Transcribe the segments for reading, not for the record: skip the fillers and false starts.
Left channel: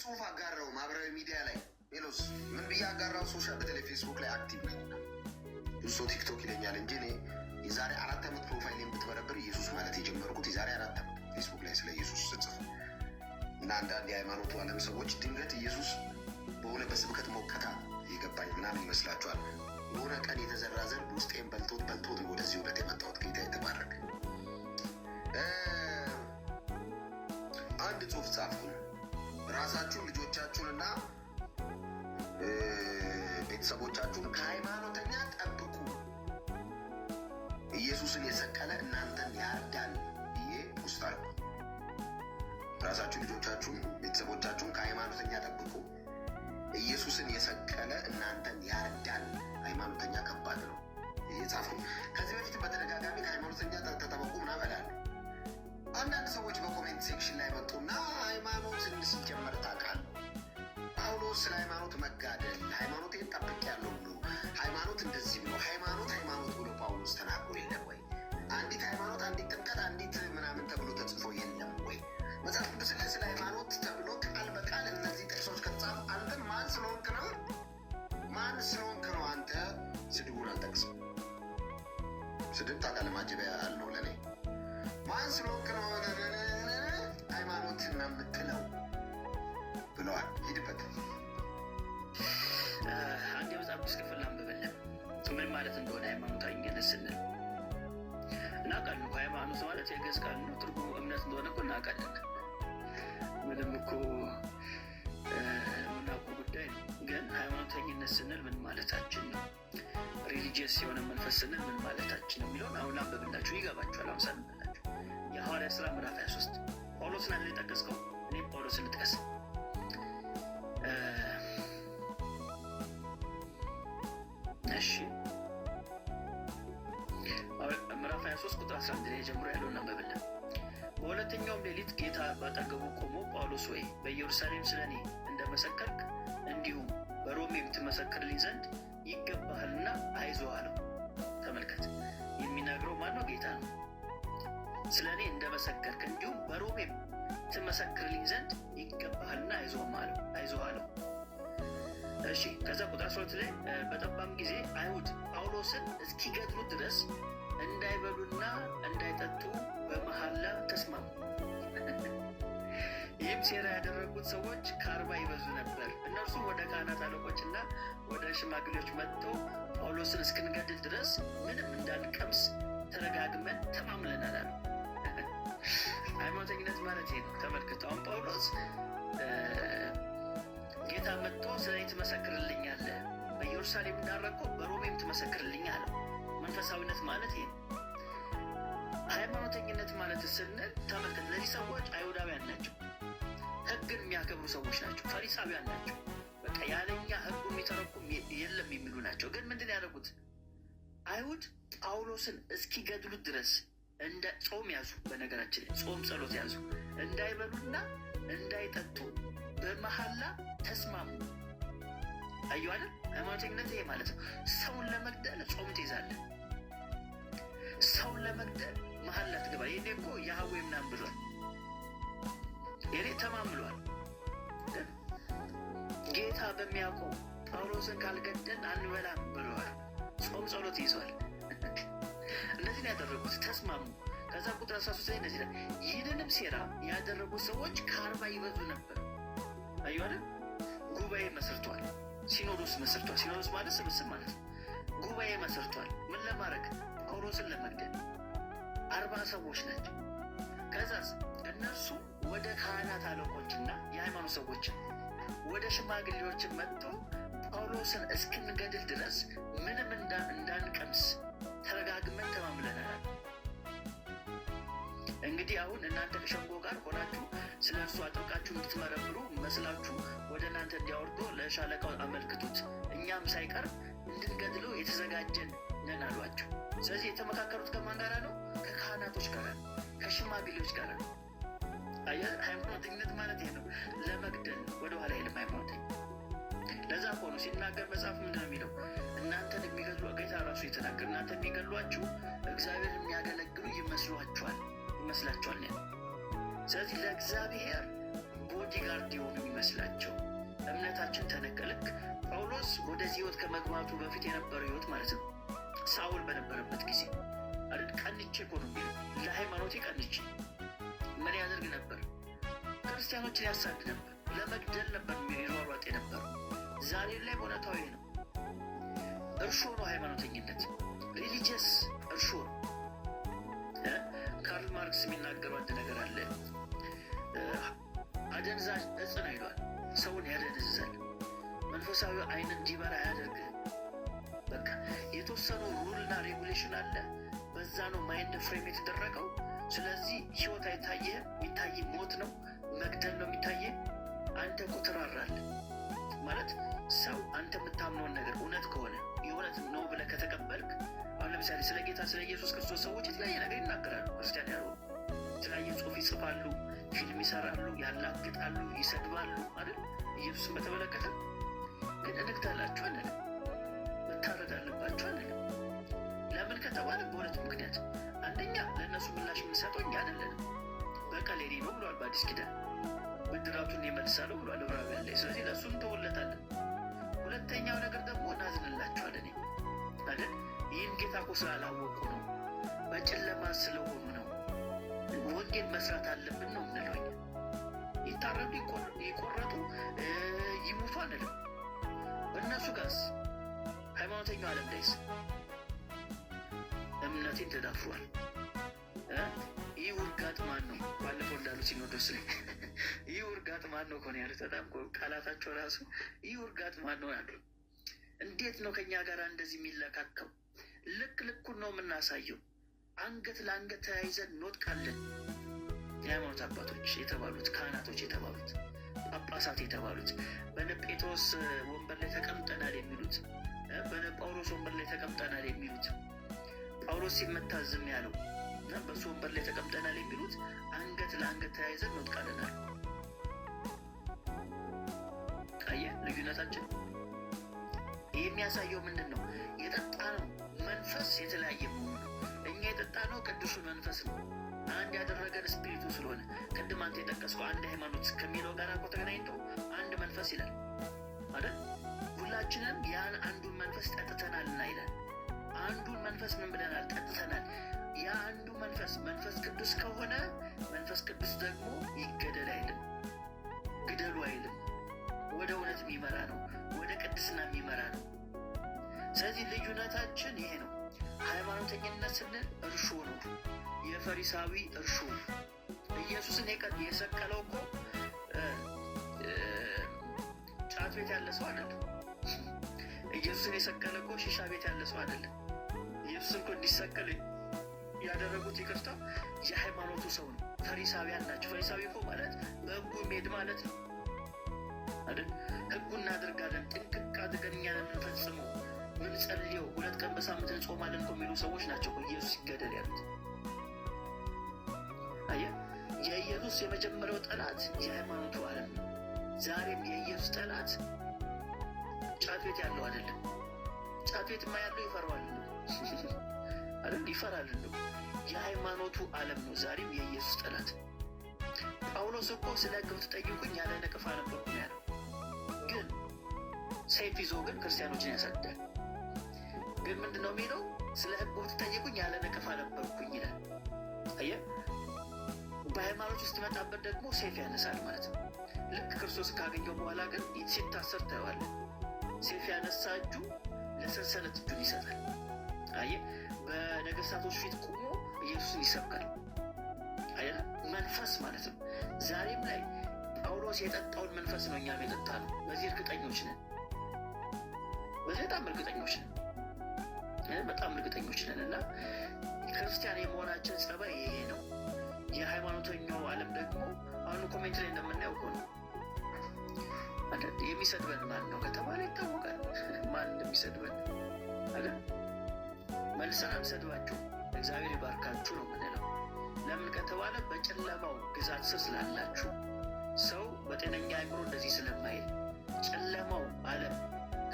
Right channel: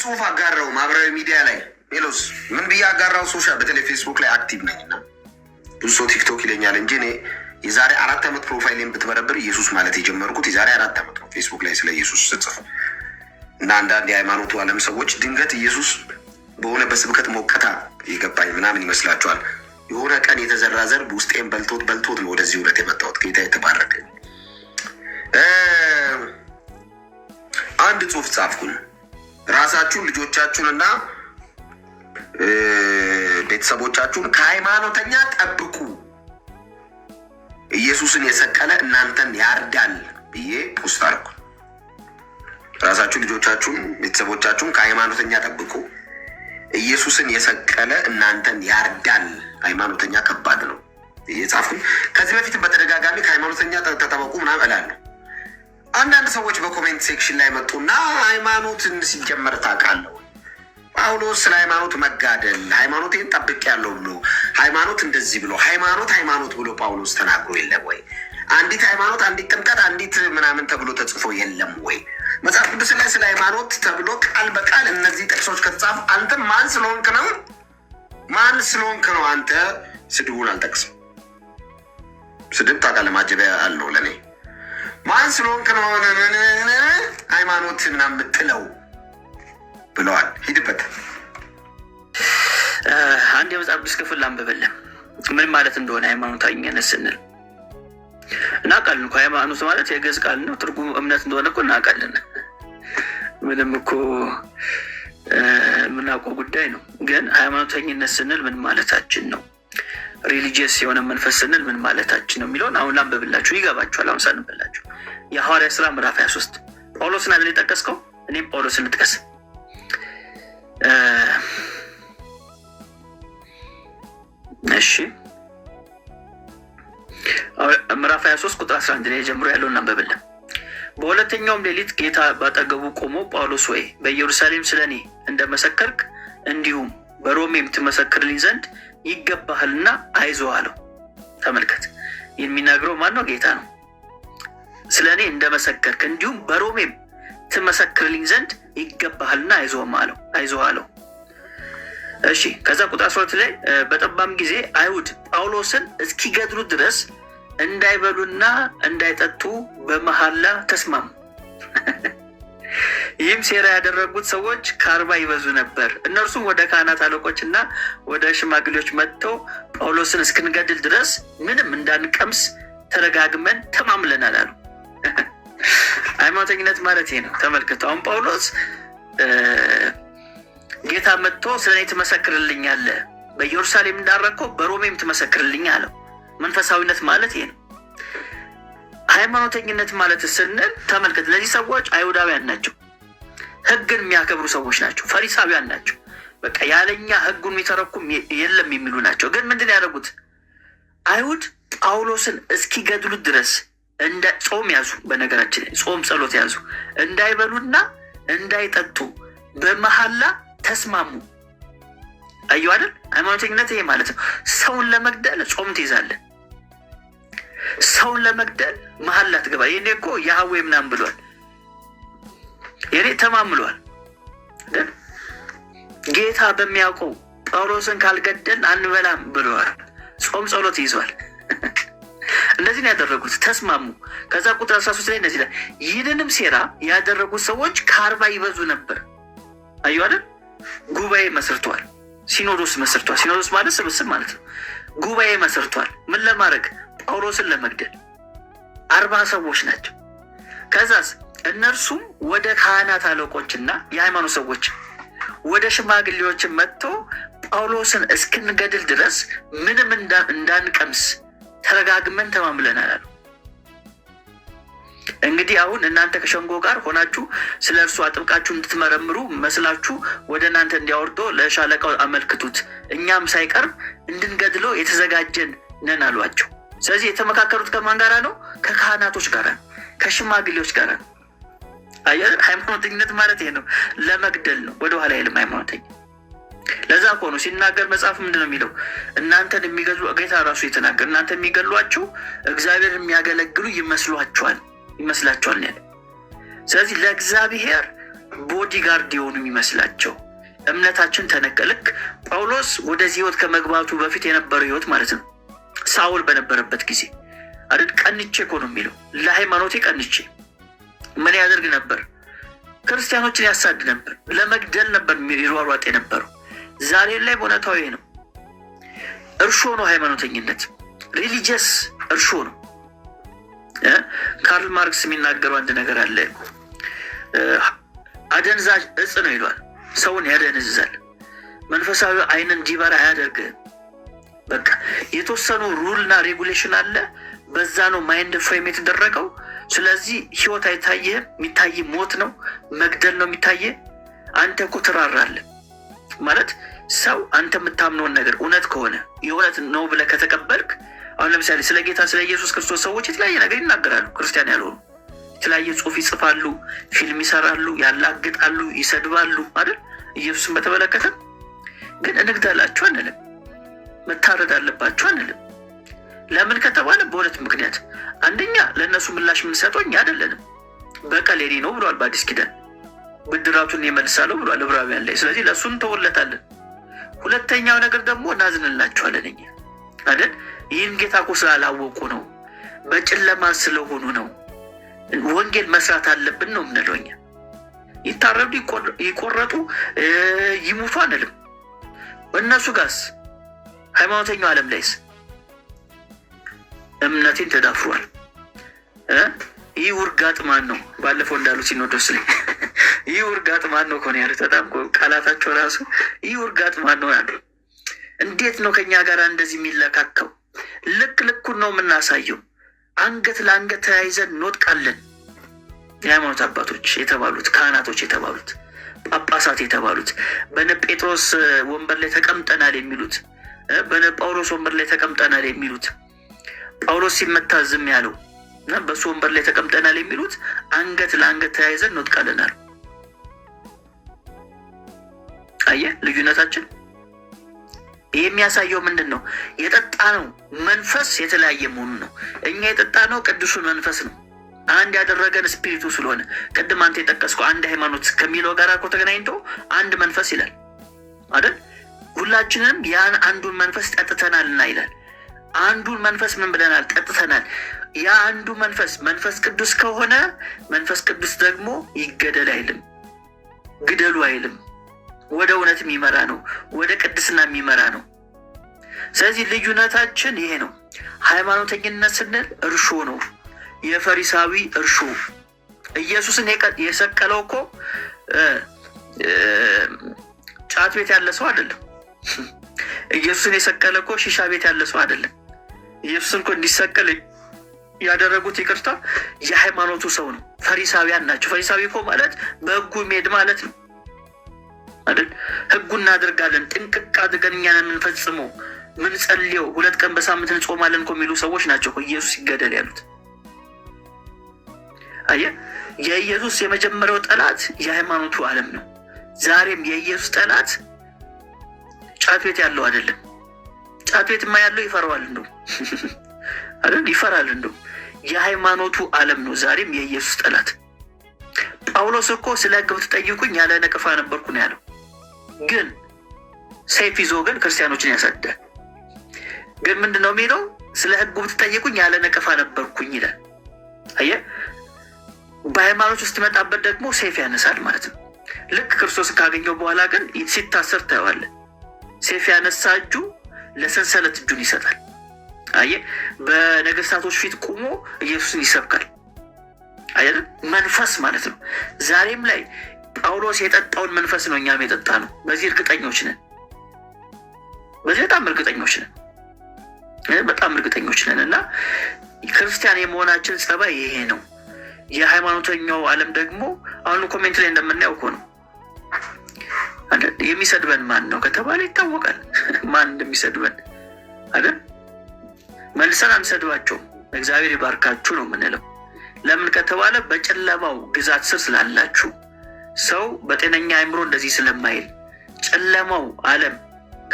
ጽሁፍ አጋራው ማህበራዊ ሚዲያ ላይ ሜሎስ ምን ብዬ አጋራው? ሶሻል በተለይ ፌስቡክ ላይ አክቲቭ ነኝና ብዙ ሰው ቲክቶክ ይለኛል እንጂ እኔ የዛሬ 4 ዓመት ፕሮፋይሌን ብትበረብር ኢየሱስ ማለት የጀመርኩት የዛሬ 4 ዓመት ነው። ፌስቡክ ላይ ስለ ኢየሱስ ስጽፍ እና አንዳንድ የሃይማኖቱ ዓለም ሰዎች ድንገት ኢየሱስ በሆነ በስብከት ሞቀታ የገባኝ ምናምን ይመስላችኋል። የሆነ ቀን የተዘራ ዘር ውስጤን በልቶት ነው ወደዚህ እውነት የመጣሁት። ጌታ የተባረከ። አንድ ጽሁፍ ጻፍኩኝ። ራሳችሁን ልጆቻችሁንና ቤተሰቦቻችሁን ከሃይማኖተኛ ጠብቁ፣ ኢየሱስን የሰቀለ እናንተን ያርዳል ብዬ ፖስት አድርኩ። ራሳችሁን ልጆቻችሁን ቤተሰቦቻችሁን ከሃይማኖተኛ ጠብቁ፣ ኢየሱስን የሰቀለ እናንተን ያርዳል። ሃይማኖተኛ ከባድ ነው የጻፍኩኝ። ከዚህ በፊት በተደጋጋሚ ከሃይማኖተኛ ተጠበቁ ምናምን እላለሁ። አንዳንድ ሰዎች በኮሜንት ሴክሽን ላይ መጡና ሃይማኖትን ሲጀመር ታውቃለህ ጳውሎስ ስለ ሃይማኖት መጋደል ሃይማኖቴን ጠብቄያለሁ ብሎ ሃይማኖት እንደዚህ ብሎ ሃይማኖት ብሎ ጳውሎስ ተናግሮ የለም ወይ? አንዲት ሃይማኖት፣ አንዲት ጥምቀት፣ አንዲት ምናምን ተብሎ ተጽፎ የለም ወይ? መጽሐፍ ቅዱስ ላይ ስለ ሃይማኖት ተብሎ ቃል በቃል እነዚህ ጥቅሶች ከተጻፉ አንተ ማን ስለሆንክ ነው አንተ ስድቡን አልጠቅስም። ስድብ ታውቃለህ ማጀቢያ አለው ለኔ። ማን ስለሆንክ ነው ሃይማኖትና የምትለው ብለዋል። ሂድበት። አንድ የመጽሐፍ ቅዱስ ክፍል አንብበልን ምን ማለት እንደሆነ ሃይማኖተኝነት ስንል እናውቃለን እኮ። ሃይማኖት ማለት የግዕዝ ቃል ነው። ትርጉሙ እምነት እንደሆነ እኮ እናውቃለን። ምንም እኮ የምናውቀው ጉዳይ ነው። ግን ሃይማኖተኝነት ስንል ምን ማለታችን ነው? ሪሊጂየስ የሆነ መንፈስ ስንል ምን ማለታችን ነው የሚለውን አሁን ላንብብላችሁ፣ ይገባችኋል። አሁን ሳንብላችሁ የሐዋርያት ሥራ ምዕራፍ 23 ጳውሎስን አይደል የጠቀስከው? እኔም ጳውሎስን ልጥቀስ። እሺ ምዕራፍ 23 ቁጥር 11 ላይ ጀምሮ ያለውን አንብብልን። በሁለተኛውም ሌሊት ጌታ ባጠገቡ ቆሞ ጳውሎስ ወይ በኢየሩሳሌም ስለ እኔ እንደመሰከርክ እንዲሁም በሮሜም ትመሰክርልኝ ዘንድ ይገባሃልና አይዞህ አለው። ተመልከት፣ የሚናገረው ማን ነው? ጌታ ነው። ስለ እኔ እንደመሰከርክ እንዲሁም በሮሜም ትመሰክርልኝ ዘንድ ይገባሃልና አይዞህ አለው። እሺ ከዛ ቁጥር 12 ላይ በጠባም ጊዜ አይሁድ ጳውሎስን እስኪገድሉ ድረስ እንዳይበሉና እንዳይጠጡ በመሐላ ተስማሙ። ይህም ሴራ ያደረጉት ሰዎች ከ40 ይበዙ ነበር። እነርሱም ወደ ካህናት አለቆችና ወደ ሽማግሌዎች መጥተው ጳውሎስን እስክንገድል ድረስ ምንም እንዳንቀምስ ተረጋግመን ተማምለናል አሉ። ሃይማኖተኝነት ማለት ይሄ ነው። ተመልከቱ። አሁን ጳውሎስ ጌታ መጥቶ ስለ እኔ ትመሰክርልኛለህ፣ በኢየሩሳሌም እንዳረከው በሮሜም ትመሰክርልኝ አለው። መንፈሳዊነት ማለት ይሄ ነው። ሃይማኖተኝነት ማለት ስንል ተመልከት፣ እነዚህ ሰዎች አይሁዳውያን ናቸው፣ ህግን የሚያከብሩ ሰዎች ናቸው፣ ፈሪሳውያን ናቸው። በቃ ያለኛ ህጉን የሚተረኩም የለም የሚሉ ናቸው። ግን ምንድን ያደረጉት? አይሁድ ጳውሎስን እስኪገድሉት ድረስ እንደ ጾም ያዙ። በነገራችን ላይ ጾም ጸሎት ያዙ። እንዳይበሉና እንዳይጠጡ በመሐላ ተስማሙ። አዩ አይደል? ሃይማኖተኝነት ይሄ ማለት ነው። ሰውን ለመግደል ጾም ትይዛለህ። ሰውን ለመግደል መሐላ ትገባ። ይሄኔ እኮ ያህዌ ምናምን ብሏል። የኔ ተማምሏል። ጌታ በሚያውቀው ጳውሎስን ካልገደል አንበላም ብለዋል። ጾም ጸሎት ይዟል። እንደዚህ ነው ያደረጉት። ተስማሙ። ከዛ ቁጥር 13 ላይ እንደዚህ ላይ ይህንንም ሴራ ያደረጉት ሰዎች ከ40 ይበዙ ነበር። አዩ አይደል? ጉባኤ መስርቷል። ሲኖዶስ መስርቷል። ሲኖዶስ ማለት ስብስብ ማለት ነው። ጉባኤ መስርቷል። ምን ለማድረግ? ጳውሎስን ለመግደል። 40 ሰዎች ናቸው። ከዛስ እነርሱም ወደ ካህናት አለቆችና የሃይማኖት ሰዎች ወደ ሽማግሌዎችን መጥቶ ጳውሎስን እስክንገድል ድረስ ምንም እንዳንቀምስ ተረጋግመን ተማምለናል አሉ። እንግዲህ አሁን እናንተ ከሸንጎ ጋር ሆናችሁ ስለ እርሱ አጥብቃችሁ እንድትመረምሩ መስላችሁ ወደ እናንተ እንዲያወርዶ ለሻለቃው አመልክቱት፣ እኛም ሳይቀርብ እንድንገድለው የተዘጋጀን ነን አሏቸው። ስለዚህ የተመካከሩት ከማን ጋር ነው? ከካህናቶች ጋር ነው፣ ከሽማግሌዎች ጋር ነው። ሃይማኖተኝነት ማለት ይሄ ነው። ለመግደል ነው፣ ወደኋላ የለም ሃይማኖተኛ። ለዛ እኮ ነው ሲናገር መጽሐፍ ምንድን ነው የሚለው? እናንተን የሚገድሉ ጌታ ራሱ የተናገር እናንተ የሚገድሏችሁ እግዚአብሔር የሚያገለግሉ ይመስላችኋል ያለ። ስለዚህ ለእግዚአብሔር ቦዲጋርድ የሆኑ የሚመስላቸው እምነታችን ተነካ። ልክ ጳውሎስ ወደዚህ ህይወት ከመግባቱ በፊት የነበረው ህይወት ማለት ነው። ሳውል በነበረበት ጊዜ አይደል? ቀንቼ እኮ ነው የሚለው። ለሃይማኖቴ ቀንቼ ምን ያደርግ ነበር? ክርስቲያኖችን ያሳድ ነበር፣ ለመግደል ነበር ይሯሯጥ የነበረው። ዛሬ ላይ በእውነታዊ ነው። እርሾ ነው ሃይማኖተኝነት፣ ሪሊጂየስ እርሾ ነው። ካርል ማርክስ የሚናገረው አንድ ነገር አለ። አደንዛዥ እጽ ነው ይሏል። ሰውን ያደነዝዛል። መንፈሳዊ አይንን እንዲበራ አያደርግህም። በቃ የተወሰኑ ሩልና ሬጉሌሽን አለ። በዛ ነው ማይንድ ፍሬም የተደረገው። ስለዚህ ህይወት አይታየህም። የሚታይ ሞት ነው፣ መግደል ነው የሚታየህ። አንተ እኮ ትራራለህ ማለት ሰው አንተ የምታምነውን ነገር እውነት ከሆነ የእውነት ነው ብለህ ከተቀበልክ፣ አሁን ለምሳሌ ስለ ጌታ ስለ ኢየሱስ ክርስቶስ ሰዎች የተለያየ ነገር ይናገራሉ። ክርስቲያን ያልሆኑ የተለያየ ጽሑፍ ይጽፋሉ፣ ፊልም ይሰራሉ፣ ያላግጣሉ፣ ይሰድባሉ አይደል? ኢየሱስን በተመለከተ ግን እንግደላችሁ አንልም፣ መታረድ አለባችሁ አንልም። ለምን ከተባለ በሁለት ምክንያት። አንደኛ ለእነሱ ምላሽ የምንሰጠው እኛ አይደለንም። በቀል የኔ ነው ብሏል በአዲስ ኪዳን፣ ብድራቱን ይመልሳለሁ ብሏል ዕብራውያን ላይ። ስለዚህ ለእሱ እንተውለታለን። ሁለተኛው ነገር ደግሞ እናዝንላችኋለን እኛ አይደል? ይህን ጌታ እኮ ስላላወቁ ነው፣ በጨለማ ስለሆኑ ነው። ወንጌል መስራት አለብን ነው የምንለው እኛ። ይታረዱ፣ ይቆረጡ፣ ይሙቱ አንልም። እነሱ ጋርስ ሃይማኖተኛው ዓለም ላይስ እምነቴን ተዳፍሯል። ይህ ውርጋጥ ማን ነው? ባለፈው እንዳሉ ሲኖዶስ ላይ ይህ ውርጋጥ ማን ነው ከሆነ ያሉት፣ በጣም ቃላታቸው ራሱ ይህ ውርጋጥ ማን ነው ያሉ። እንዴት ነው ከኛ ጋር እንደዚህ የሚለካከው? ልክ ልኩን ነው የምናሳየው። አንገት ለአንገት ተያይዘን እንወድቃለን። የሃይማኖት አባቶች የተባሉት፣ ካህናቶች የተባሉት፣ ጳጳሳት የተባሉት፣ በነ ጴጥሮስ ወንበር ላይ ተቀምጠናል የሚሉት፣ በነ ጳውሎስ ወንበር ላይ ተቀምጠናል የሚሉት፣ ጳውሎስ ሲመታ ዝም ያለው እና በሱ ወንበር ላይ ተቀምጠናል የሚሉት አንገት ለአንገት ተያይዘን እንወድቃለናል። አየህ ልዩነታችን። ይህ የሚያሳየው ምንድን ነው? የጠጣነው መንፈስ የተለያየ መሆኑ ነው። እኛ የጠጣነው ቅዱሱን መንፈስ ነው። አንድ ያደረገን ስፒሪቱ ስለሆነ ቅድም አንተ የጠቀስከው አንድ ሃይማኖት ከሚለው ጋር እኮ ተገናኝቶ አንድ መንፈስ ይላል አይደል? ሁላችንም ያን አንዱን መንፈስ ጠጥተናልና ይላል። አንዱን መንፈስ ምን ብለናል? ጠጥተናል። ያ አንዱ መንፈስ መንፈስ ቅዱስ ከሆነ መንፈስ ቅዱስ ደግሞ ይገደል አይልም፣ ግደሉ አይልም። ወደ እውነት የሚመራ ነው፣ ወደ ቅድስና የሚመራ ነው። ስለዚህ ልዩነታችን ይሄ ነው። ሃይማኖተኝነት ስንል እርሾ ነው፣ የፈሪሳዊ እርሾ። ኢየሱስን የሰቀለው እኮ ጫት ቤት ያለ ሰው አይደለም። ኢየሱስን የሰቀለ እኮ ሺሻ ቤት ያለ ሰው አይደለም። ኢየሱስን እኮ እንዲሰቀል ያደረጉት ይቅርታ የሃይማኖቱ ሰው ነው። ፈሪሳውያን ናቸው። ፈሪሳዊ እኮ ማለት በሕጉ የሚሄድ ማለት ነው አይደል? ሕጉን እናደርጋለን፣ ጥንቅቅ አድርገን እኛ ነን የምንፈጽመው፣ ምን ጸልየው 2 ቀን በሳምንት እንጾማለን እኮ የሚሉ ሰዎች ናቸው ኢየሱስ ይገደል ያሉት። አየህ፣ የኢየሱስ የመጀመሪያው ጠላት የሃይማኖቱ ዓለም ነው። ዛሬም የኢየሱስ ጠላት ጫት ቤት ያለው አይደለም። ጫት ቤትማ ያለው ይፈራዋል እንደው አይደል? ይፈራል እንደው። የሃይማኖቱ ዓለም ነው ዛሬም የኢየሱስ ጠላት። ጳውሎስ እኮ ስለ ሕግ ብትጠይቁኝ ያለ ነቀፋ ነበርኩ ነው ያለው። ግን ሰይፍ ይዞ ግን ክርስቲያኖችን ያሳድዳል። ግን ምንድን ነው የሚለው? ስለ ሕግ ብትጠይቁኝ ያለ ነቀፋ ነበርኩኝ ይላል። አየህ፣ በሃይማኖት ውስጥ መጣበት ደግሞ ሰይፍ ያነሳል ማለት ነው። ልክ ክርስቶስን ካገኘው በኋላ ግን ሲታሰር ታየዋለህ። ሰይፍ ያነሳ እጁ ለሰንሰለት እጁን ይሰጣል። አየህ፣ በነገስታቶች ፊት ቆሞ ኢየሱስን ይሰብካል። አየህ፣ መንፈስ ማለት ነው። ዛሬም ላይ ጳውሎስ የጠጣውን መንፈስ ነው እኛም የጠጣ ነው። በዚህ እርግጠኞች ነን። በዚህ በጣም እርግጠኞች ነን። በጣም እርግጠኞች ነን። እና ክርስቲያን የመሆናችን ጸባይ ይሄ ነው። የሃይማኖተኛው ዓለም ደግሞ አሁን ኮሜንት ላይ እንደምናየው እኮ ነው። የሚሰድበን ማን ነው ከተባለ ይታወቃል ማን እንደሚሰድበን አይደል? መልሰን አንሰድባቸው፣ እግዚአብሔር ይባርካችሁ ነው የምንለው። ለምን ከተባለ በጨለማው ግዛት ስር ስላላችሁ፣ ሰው በጤነኛ አእምሮ እንደዚህ ስለማይል፣ ጨለማው ዓለም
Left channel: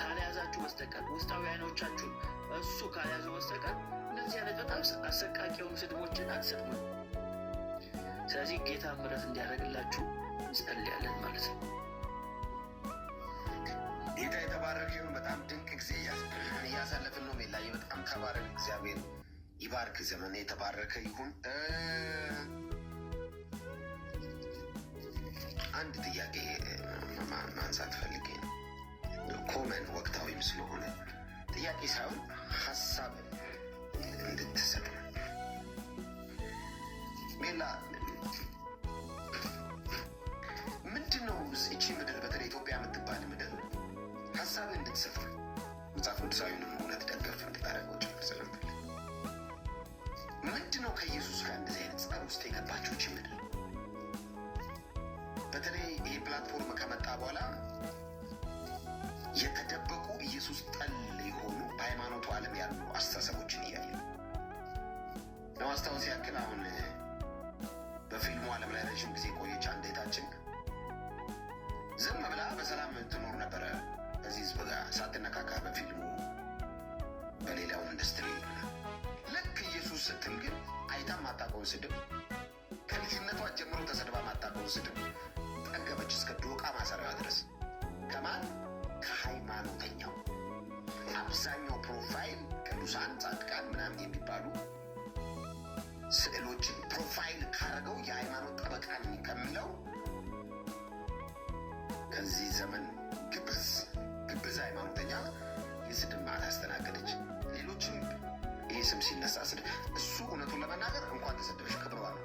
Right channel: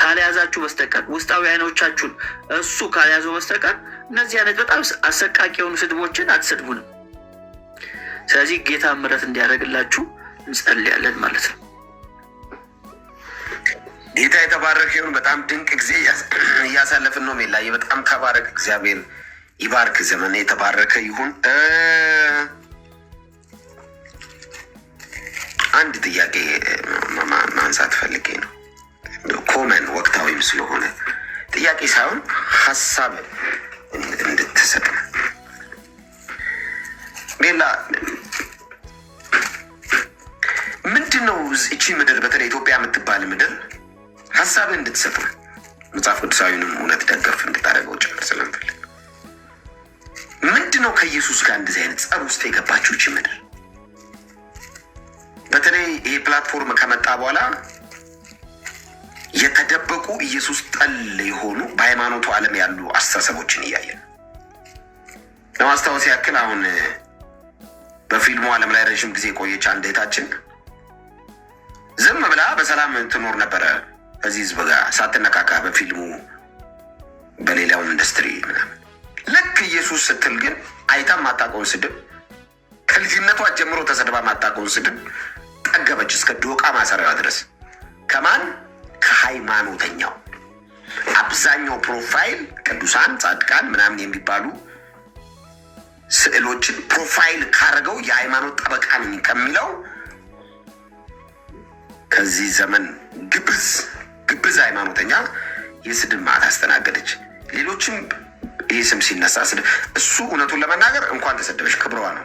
ካልያዛችሁ በስተቀር ውስጣዊ አይኖቻችሁን እሱ ካልያዘው በስተቀር እነዚህ አይነት በጣም አሰቃቂ የሆኑ ስድቦችን አትሰድቡንም። ስለዚህ ጌታ ምሕረት እንዲያደርግላችሁ እንጸልያለን ማለት ነው። ጌታ የተባረከ ይሁን። በጣም ድንቅ ጊዜ እያሳለፍን ነው። ሜላዬ በጣም ተባረክ። እግዚአብሔር ይባርክ። ዘመን የተባረከ ይሁን። አንድ ጥያቄ ማንሳት ፈልጌ ነው። ኮመን ወቅታዊም ስለሆነ ጥያቄ ሳይሆን ሀሳብ እንድትሰጥ ሜላ፣ ምንድን ነው እቺ ምድር በተለይ ኢትዮጵያ የምትባል ምድር ሀሳብ እንድትሰጥ ነው። መጽሐፍ ቅዱሳዊንም እውነት ደገፍ እንድታደርገው ጭምር ስለምፈልግ ምንድን ነው ከኢየሱስ ጋር እንደዚህ አይነት ጸብ ውስጥ የገባችው እቺ ምድር? በተለይ ይሄ ፕላትፎርም ከመጣ በኋላ የተደበቁ ኢየሱስ ጠል የሆኑ በሃይማኖቱ ዓለም ያሉ አስተሳሰቦችን እያየን ለማስታወስ ያክል አሁን በፊልሙ ዓለም ላይ ረዥም ጊዜ የቆየች አንድ እህታችን ዝም ብላ በሰላም ትኖር ነበረ ከዚህ ህዝብ ጋር ሳትነካካ በፊልሙ በሌላውም ኢንዱስትሪ ምናምን። ልክ ኢየሱስ ስትል ግን አይታ ማታውቀውን ስድብ፣ ከልጅነቷ ጀምሮ ተሰድባ ማታውቀውን ስድብ ጠገበች እስከ ዶቃ ማሰሪያዋ ድረስ። ከማን? ከሃይማኖተኛው። አብዛኛው ፕሮፋይል ቅዱሳን ጻድቃን ምናምን የሚባሉ ስዕሎችን ፕሮፋይል ካረገው የሃይማኖት ጠበቃ ነኝ ከሚለው ከዚህ ዘመን ግብዝ ሃይማኖተኛ የስድብ ማዕት አስተናገደች። ሌሎችም ይህ ስም ሲነሳ እሱ እውነቱን ለመናገር እንኳን ተሰደበች፣ ክብሯ ነው፣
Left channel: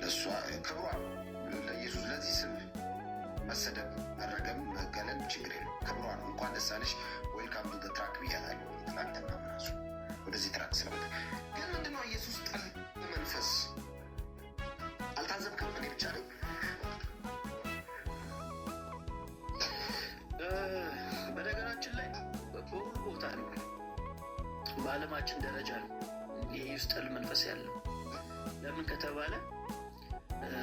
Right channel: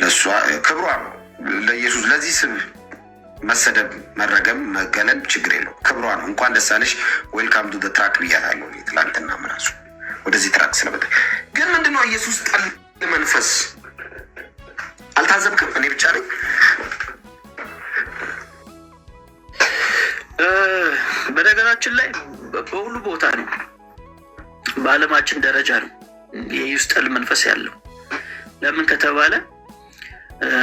ለእሷ ክብሯ ነው። ለኢየሱስ ለዚህ ስም መሰደብ፣ መረገም፣ መገለል ችግር የለው፣ ክብሯ ነው። እንኳን ደስ አለሽ፣ ዌልካም ቱ ትራክ ብያታለሁ ትላንትና ምራሱ ወደዚህ ትራክ ስለመጣ። ግን ምንድነው ኢየሱስ ጠል መንፈስ አልታዘብክም? እኔ ብቻ ነኝ? በነገራችን ላይ በሁሉ ቦታ ነው፣ በዓለማችን ደረጃ ነው የኢየሱስ ጠል መንፈስ ያለው። ለምን ከተባለ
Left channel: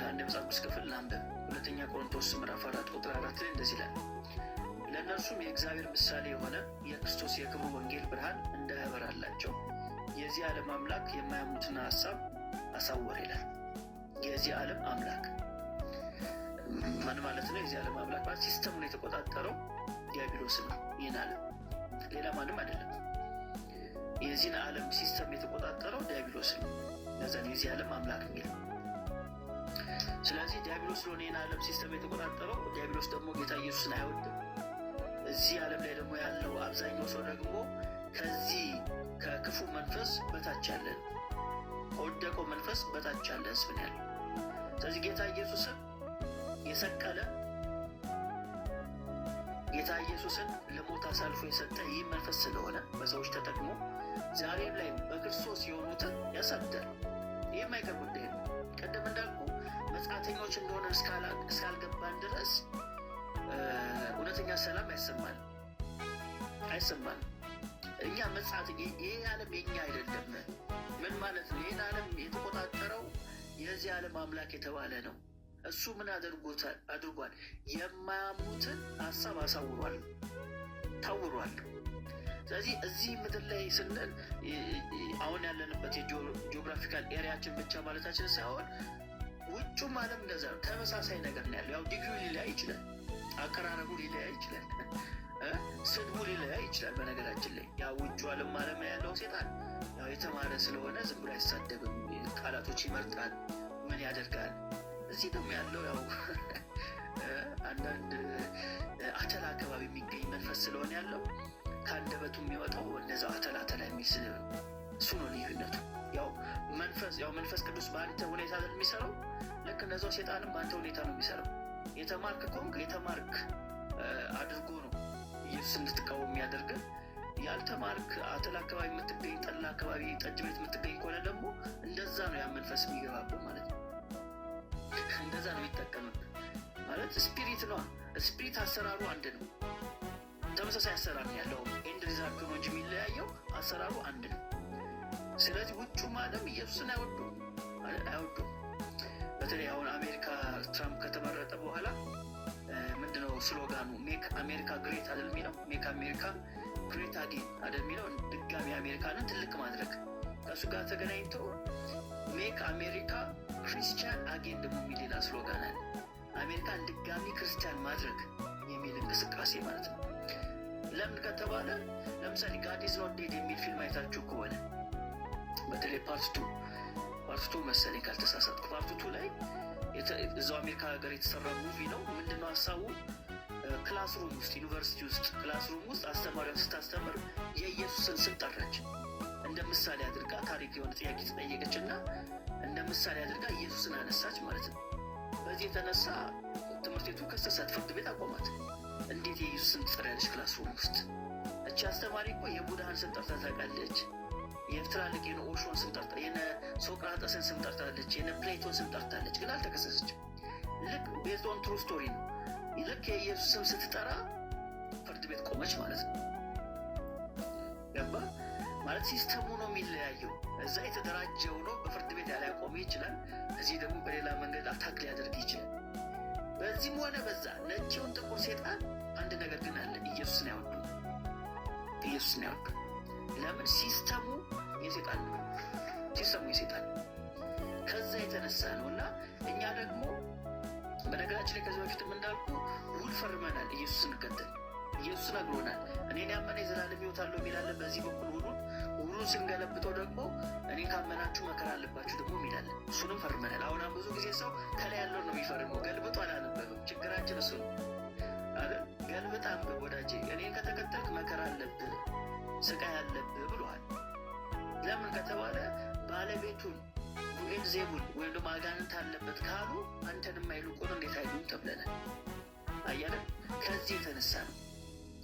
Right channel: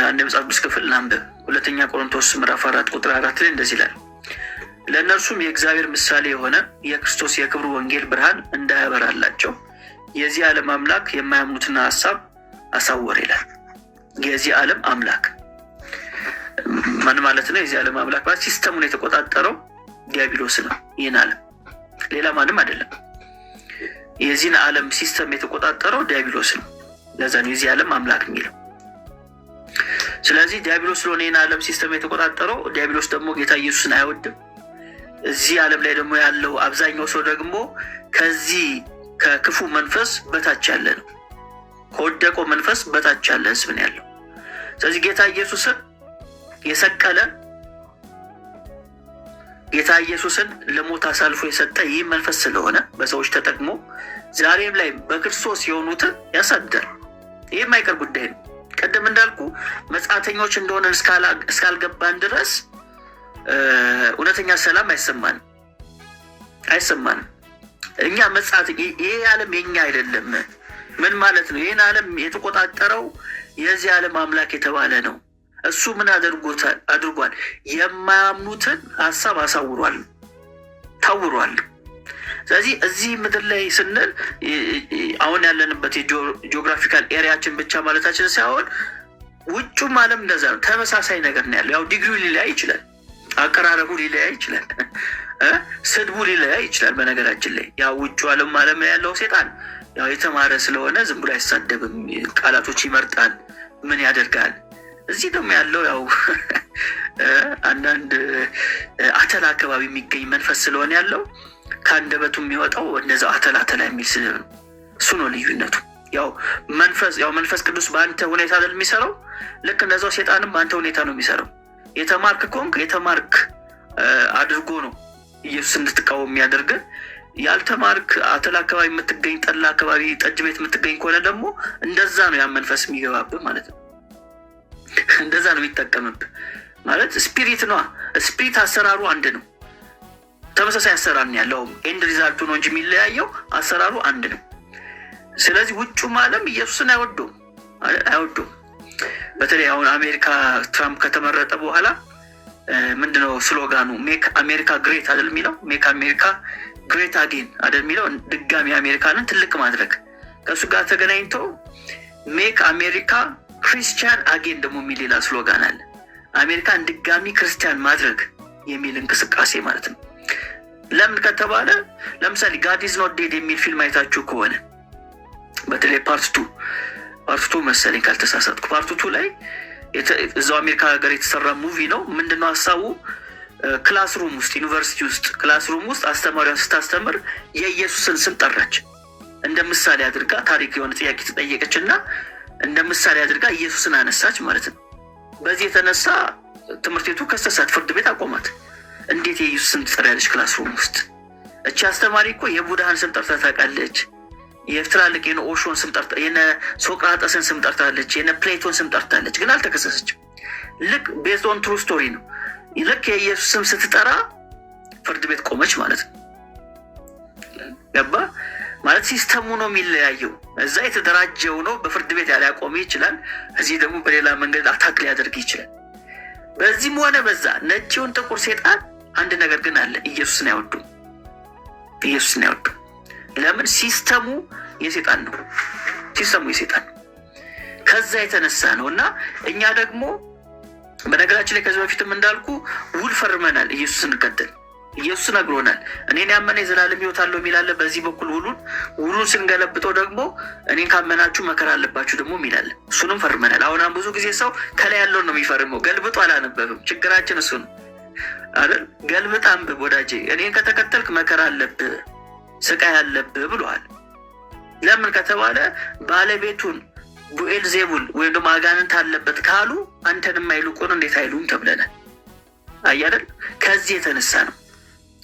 አንድ መጽሐፍ ቅዱስ ክፍል እናንብብ። 2 ቆሮንቶስ ምዕራፍ 4 ቁጥር 4 ላይ እንደዚህ ይላል፣ ለእነርሱም የእግዚአብሔር ምሳሌ የሆነ የክርስቶስ የክብሩ ወንጌል ብርሃን እንዳያበራላቸው የዚህ ዓለም አምላክ የማያምኑትን ሀሳብ አሳወረ ይላል። የዚህ ዓለም አምላክ ምን ማለት ነው? የዚህ ዓለም አምላክ ማለት ሲስተሙን የተቆጣጠረው ዲያብሎስ ነው። ይህን ዓለም ሌላ ማንም አይደለም። የዚህን ዓለም ሲስተም የተቆጣጠረው ዲያብሎስ ነው። ለዛ ነው የዚህ ዓለም አምላክ የሚለው። ስለዚህ ዲያብሎስ ስለሆነ ይህን ዓለም ሲስተም የተቆጣጠረው፣ ዲያብሎስ ደግሞ ጌታ ኢየሱስን አይወድም። እዚህ ዓለም ላይ ደግሞ ያለው አብዛኛው ሰው ደግሞ ከዚህ ከክፉ መንፈስ በታች ያለ ነው። ከወደቀው መንፈስ በታች ያለ ህዝብ ነው ያለው። ስለዚህ ጌታ ኢየሱስን የሰቀለ፣ ጌታ ኢየሱስን ለሞት አሳልፎ የሰጠ ይህ መንፈስ ስለሆነ በሰዎች ተጠቅሞ ዛሬም ላይ በክርስቶስ የሆኑትን ያሳድዳል። ይህ የማይቀር ጉዳይ ነው። ቀደም እንዳልኩ መጻተኞች እንደሆነ እስካልገባን ድረስ እውነተኛ ሰላም አይሰማንም። እኛ መጻት ይሄ ዓለም የኛ አይደለም። ምን ማለት ነው? ይህን ዓለም የተቆጣጠረው የዚህ ዓለም አምላክ የተባለ ነው። እሱ ምን አድርጓል? የማያምኑትን ሀሳብ አሳውሯል፣ ታውሯል። ስለዚህ እዚህ ምድር ላይ ስንል አሁን ያለንበት የጂኦግራፊካል ኤሪያችን ብቻ ማለታችን ሳይሆን ውጩም ዓለም እንደዛ ነው። ተመሳሳይ ነገር ነው ያለው። ያው ዲግሪው ሊለያይ ይችላል፣ አቀራረቡ ሊለያይ ይችላል፣ ስድቡ ሊለያይ ይችላል። በነገራችን ላይ ያው ውጩ ዓለም ላይ ያለው ሴጣን ያው የተማረ ስለሆነ ዝም ብሎ አይሳደብም፣ ቃላቶች ይመርጣል፣ ምን ያደርጋል። እዚህ ደግሞ ያለው ያው አንዳንድ አተላ አካባቢ የሚገኝ መንፈስ ስለሆነ ያለው ከአንደበቱ የሚወጣው እንደዛው አተላ የሚል ስድብ ነው። እሱ ነው ልዩነቱ። ያው መንፈስ ቅዱስ በአንተ ሁኔታ አይደል የሚሰራው፣ ልክ እንደዛው ሴጣንም በአንተ ሁኔታ ነው የሚሰራው። የተማርክ ከሆንክ የተማርክ አድርጎ ነው ኢየሱስ እንድትቃወም የሚያደርግ። ያልተማርክ አተላ አካባቢ የምትገኝ፣ ጠላ አካባቢ፣ ጠጅ ቤት የምትገኝ ከሆነ ደግሞ እንደዛ ነው ያ መንፈስ የሚገባብህ ማለት ነው። እንደዛ ነው የሚጠቀምብህ ማለት ስፒሪት ነዋ። ስፒሪት አሰራሩ አንድ ነው፣ ተመሳሳይ አሰራር ነው ያለው። ኤንድ ሪዛልቱ ነው እንጂ የሚለያየው አሰራሩ አንድ ነው። ስለዚህ ውጩም ዓለም ኢየሱስን አይወዱም። በተለይ አሁን አሜሪካ ትራምፕ ከተመረጠ በኋላ ምንድነው ስሎጋኑ? ሜክ አሜሪካ ግሬት አይደል የሚለው? ሜክ አሜሪካ ግሬት አጌን አይደል የሚለው? ድጋሚ አሜሪካንን ትልቅ ማድረግ። ከእሱ ጋር ተገናኝቶ ሜክ አሜሪካ ክሪስቲያን አጌን ደግሞ የሚል ሌላ ስሎጋን አለ። አሜሪካን ድጋሚ ክርስቲያን ማድረግ የሚል እንቅስቃሴ ማለት ነው። ለምን ከተባለ ለምሳሌ ጋድ ኢዝ ኖት ዴድ የሚል ፊልም አይታችሁ ከሆነ በተለይ ፓርት ቱ መሰለኝ ካልተሳሳትኩ፣ ፓርት ቱ ላይ እዛው አሜሪካ ሀገር የተሰራ ሙቪ ነው። ምንድነው ሀሳቡ? ክላስሩም ውስጥ ዩኒቨርሲቲ ውስጥ ክላስሩም ውስጥ አስተማሪዋ ስታስተምር የኢየሱስን ስም ጠራች። እንደ ምሳሌ አድርጋ ታሪክ የሆነ ጥያቄ ተጠየቀች እና እንደ ምሳሌ አድርጋ ኢየሱስን አነሳች ማለት ነው። በዚህ የተነሳ ትምህርት ቤቱ ከሰሳት፣ ፍርድ ቤት አቆማት። እንዴት የኢየሱስ ስም ትጠሪያለች ክላስሩም ውስጥ? እቺ አስተማሪ እኮ የቡድሃን ስም ጠርታ ታውቃለች። የትላልቅ የነ ኦሾን ስም ጠርታ፣ የነ ሶቅራጠስን ስም ጠርታለች፣ የነ ፕሌቶን ስም ጠርታለች። ግን አልተከሰሰችም። ልክ ቤዝድ ኦን ትሩ ስቶሪ ነው። ልክ የኢየሱስ ስም ስትጠራ ፍርድ ቤት ቆመች ማለት ነው። ገባ ማለት ሲስተሙ ነው የሚለያየው። እዛ የተደራጀው ነው በፍርድ ቤት ያሊያቆም ይችላል። እዚህ ደግሞ በሌላ መንገድ አታክ ሊያደርግ ይችላል። በዚህም ሆነ በዛ ነጭውን ጥቁር ሴጣን አንድ ነገር ግን አለ፣ ኢየሱስን አይወዱም። ኢየሱስን አይወዱም። ለምን? ሲስተሙ የሴጣን ነው። ሲስተሙ የሴጣን ነው። ከዛ የተነሳ ነው። እና እኛ ደግሞ በነገራችን ላይ ከዚህ በፊትም እንዳልኩ ውል ፈርመናል። ኢየሱስን እንቀጥል። ኢየሱስ ነግሮናል። እኔን ያመነ የዘላለም ሕይወት አለው የሚላለ። በዚህ በኩል ውሉን ስንገለብጠው ደግሞ እኔን ካመናችሁ መከራ አለባችሁ ደግሞ የሚላለ። እሱንም ፈርመናል። አሁን ብዙ ጊዜ ሰው ከላይ ያለውን ነው የሚፈርመው፣ ገልብጦ አላነበብም። ችግራችን እሱ ነው አይደል? ገልብጥ አንብብ ወዳጄ። እኔን ከተከተልክ መከራ አለብህ፣ ስቃይ አለብህ ብሏል። ለምን ከተባለ ባለቤቱን ቡኤል ዜቡል ወይም ደግሞ አጋንንት አለበት ካሉ አንተንም አይሉቁን እንዴት አይሉም ተብለናል። አያደል? ከዚህ የተነሳ ነው።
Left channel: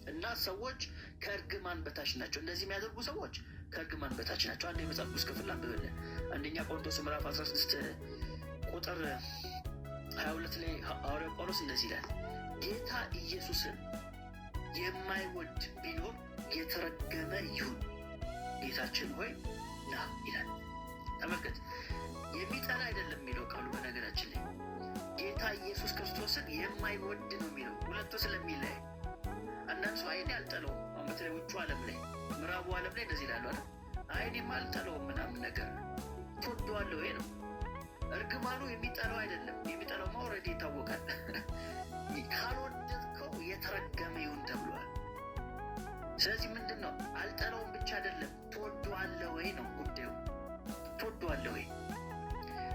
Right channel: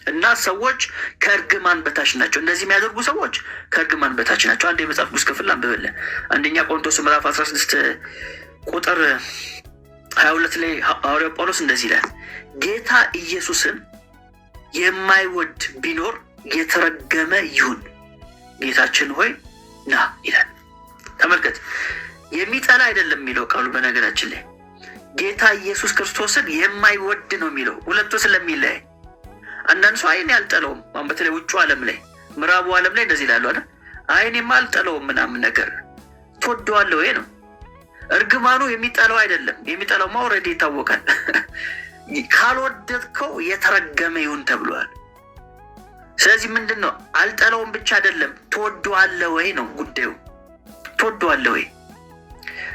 እና ሰዎች ከእርግማን በታች ናቸው። እንደዚህ የሚያደርጉ ሰዎች ከእርግማን በታች ናቸው። አንድ የመጽሐፍ ቅዱስ ክፍል አንብበልን። አንደኛ ቆሮንቶስ ምዕራፍ 16 ቁጥር 22 ላይ ሐዋርያው ጳውሎስ እንደዚህ ይላል፣ ጌታ ኢየሱስን የማይወድ ቢኖር የተረገመ ይሁን፣ ጌታችን ሆይ ና ይላል። ተመልከት፣ የሚጠላ አይደለም የሚለው ቃሉ። በነገራችን ላይ ጌታ ኢየሱስ ክርስቶስን የማይወድ ነው የሚለው፣ ሁለቱ ስለሚለያይ። አንዳንድ ሰው አይን ያልጠለውም፣ በተለይ ውጩ ዓለም ላይ ምዕራቡ ዓለም ላይ እንደዚህ ይላሉ አለ፣ አይኔማ አልጠለውም ምናምን ነገር። ትወደዋለህ ወይ ነው። እርግማኑ የሚጠላው አይደለም። የሚጠላውማ ኦልሬዲ ይታወቃል። ካልወደድከው የተረገመ ይሁን ተብሏል። ስለዚህ ምንድን ነው? አልጠለውም ብቻ አይደለም፣ ትወደዋለህ ወይ ነው ጉዳዩ። ትወደዋለህ ወይ?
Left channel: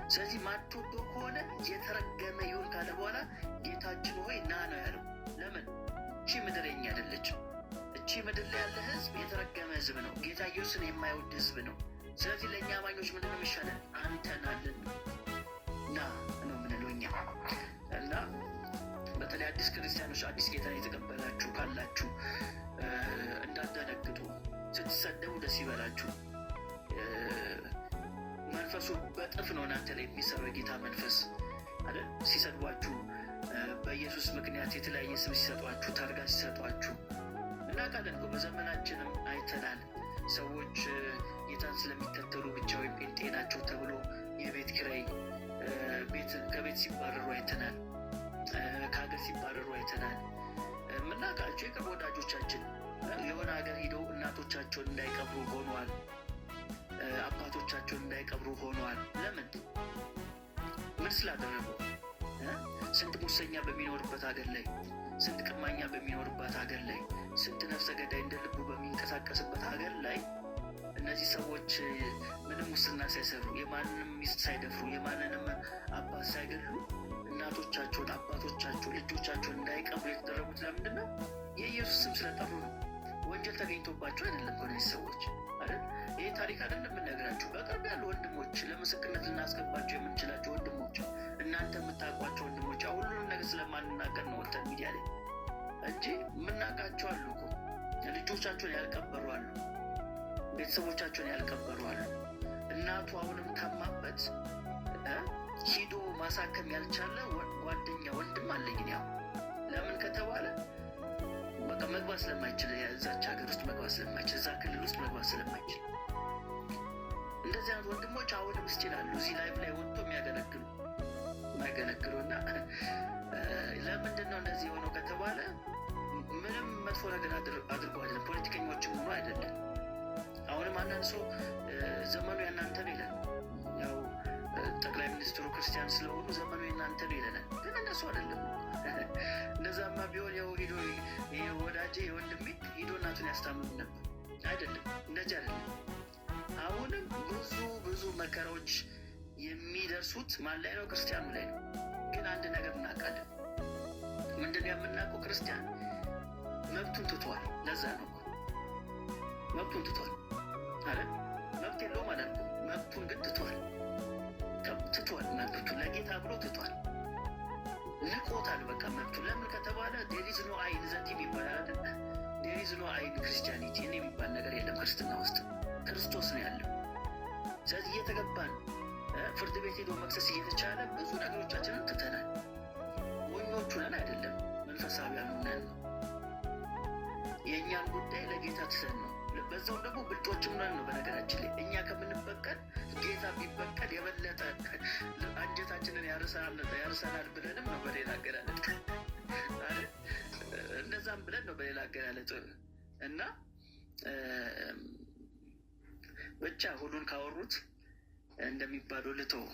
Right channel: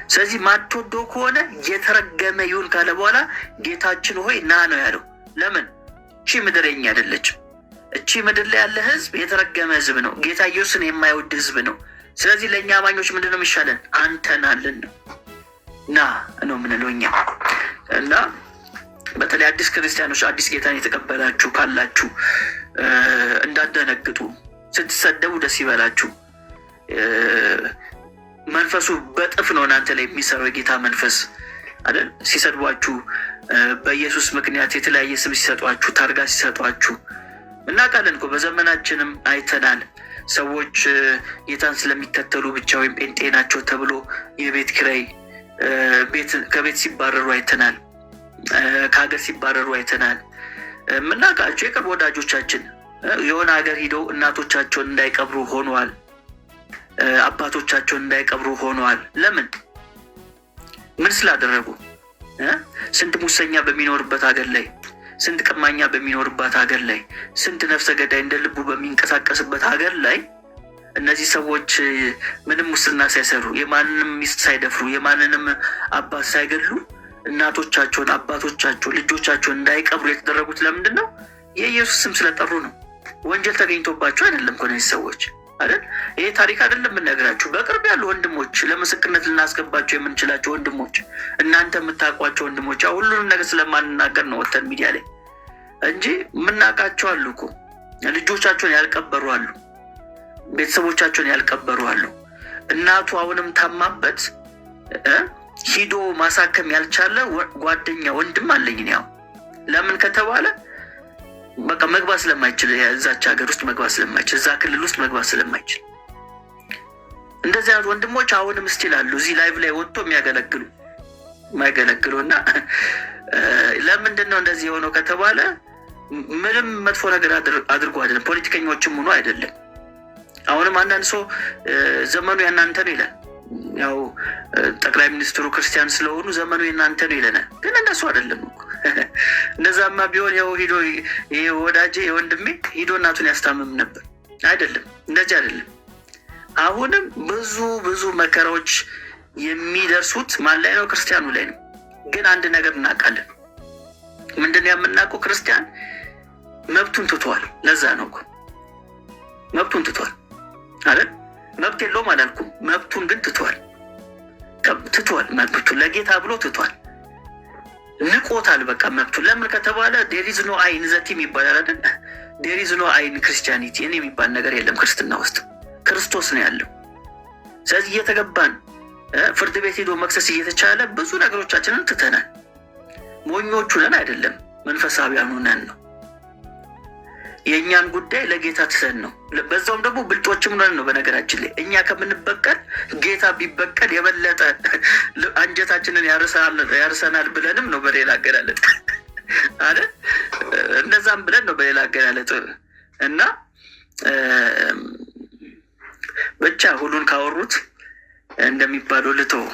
ስለዚህ ማትወደው ከሆነ የተረገመ ይሁን ካለ በኋላ ጌታችን ሆይ ና ነው ያለው። ለምን? እቺ ምድር የኛ አይደለችም። እቺ ምድር ላይ ያለ ህዝብ የተረገመ ህዝብ ነው። ጌታ ኢየሱስን የማይወድ ህዝብ ነው። ስለዚህ ለእኛ አማኞች ምንድን ነው የሚሻለን? አንተን አለን ና ነው የምንለው እኛ። እና በተለይ አዲስ ክርስቲያኖች፣ አዲስ ጌታን የተቀበላችሁ ካላችሁ እንዳደነግጡ፣ ስትሰደቡ ደስ ይበላችሁ። መንፈሱ በጥፍ ነው እናንተ ላይ የሚሰራው የጌታ መንፈስ አይደል? ሲሰድቧችሁ፣ በኢየሱስ ምክንያት የተለያየ ስም ሲሰጧችሁ፣ ታርጋ ሲሰጧችሁ እናውቃለን እኮ። በዘመናችንም አይተናል። ሰዎች ጌታን ስለሚከተሉ ብቻ ወይም ጴንጤ ናቸው ተብሎ የቤት ኪራይ ከቤት ሲባረሩ አይተናል። ከሀገር ሲባረሩ አይተናል። የምናውቃቸው የቅርብ ወዳጆቻችን የሆነ ሀገር ሂደው እናቶቻቸውን እንዳይቀብሩ ሆነዋል። አባቶቻቸውን እንዳይቀብሩ ሆነዋል። ለምን? ምን ስላደረጉ? ስንት ሙሰኛ በሚኖርበት ሀገር ላይ፣ ስንት ቀማኛ በሚኖርባት ሀገር ላይ፣ ስንት ነፍሰ ገዳይ እንደ ልቡ በሚንቀሳቀስበት ሀገር ላይ እነዚህ ሰዎች ምንም ሙስና ሳይሰሩ፣ የማንንም ሚስት ሳይደፍሩ፣ የማንንም አባት ሳይገድሉ እናቶቻቸውን፣ አባቶቻቸውን፣ ልጆቻቸውን እንዳይቀብሩ የተደረጉት ለምንድን ነው? የኢየሱስ ስም ስለጠሩ ነው። ወንጀል ተገኝቶባቸው አይደለም እኮ እነዚህ ሰዎች አይደል? ይሄ ታሪክ አይደለም የምነግራችሁ። በቅርብ ያሉ ወንድሞች፣ ለምስክርነት ልናስገባቸው የምንችላቸው ወንድሞች፣ እናንተ የምታውቋቸው ወንድሞች፣ ሁሉንም ነገር ስለማንናገር ነው ወተን ሚዲያ ላይ እንጂ የምናውቃቸው አሉ እኮ። ልጆቻቸውን ያልቀበሩ አሉ፣ ቤተሰቦቻቸውን ያልቀበሩ አሉ። እናቱ አሁንም ታማበት ሂዶ ማሳከም ያልቻለ ጓደኛ ወንድም አለኝ። ያው ለምን ከተባለ በቃ መግባት ስለማይችል፣ እዛች ሀገር ውስጥ መግባት ስለማይችል፣ እዛ ክልል ውስጥ መግባት ስለማይችል እንደዚህ አይነት ወንድሞች አሁንም ስቲል አሉ፣ እዚህ ላይቭ ላይ ወጥቶ የማያገለግሉ እና ለምንድን ነው እንደዚህ የሆነው ከተባለ ምንም መጥፎ ነገር አድርጎ አይደለም፣ ፖለቲከኞችም ሆኖ አይደለም። አሁንም አንዳንድ ሰው ዘመኑ ያናንተ ነው ይላል። ያው ጠቅላይ ሚኒስትሩ ክርስቲያን ስለሆኑ ዘመኑ የእናንተ ነው ይለናል። ግን እንደሱ አይደለም እኮ። እንደዛማ ቢሆን ያው ሂዶ ወዳጄ የወንድሜ ሂዶ እናቱን ያስታምም ነበር። አይደለም፣ እንደዚህ አይደለም። አሁንም ብዙ መከራዎች የሚደርሱት ማን ላይ ነው? ክርስቲያኑ ላይ ነው። ግን አንድ ነገር እናውቃለን። ምንድን ነው የምናውቀው? ክርስቲያን መብቱን ትቷል። ለዛ ነው እኮ መብቱን ትቷል አይደል? መብት የለውም አላልኩም። መብቱን ግን ትቷል። መብቱን ለጌታ ብሎ ትቷል። ንቆታል። በቃ መብቱን። ለምን ከተባለ ዴሪዝ ኖ አይን ዘቲም ይባላል አይደል? ዴሪዝ ኖ አይን ክርስቲያኒቲ እኔ የሚባል ነገር የለም ክርስትና ውስጥ። ክርስቶስ ነው ያለው። ስለዚህ እየተገባን ፍርድ ቤት ሄዶ መክሰስ እየተቻለ ብዙ ነገሮቻችንን ትተናል። ሞኞቹ ነን አይደለም፣ መንፈሳዊያኑ ነን ነው። የእኛን ጉዳይ ለጌታ ትተን ነው። በዛውም ደግሞ ብልጦችም ነን ነው። በነገራችን ላይ እኛ ከምንበቀል ጌታ ቢበቀል የበለጠ አንጀታችንን ያርሰናል ብለንም ነው በሌላ አገላለጥ አለ። እነዛም ብለን ነው በሌላ አገላለጥ እና ብቻ ሁሉን ካወሩት እንደሚባለው ልተው።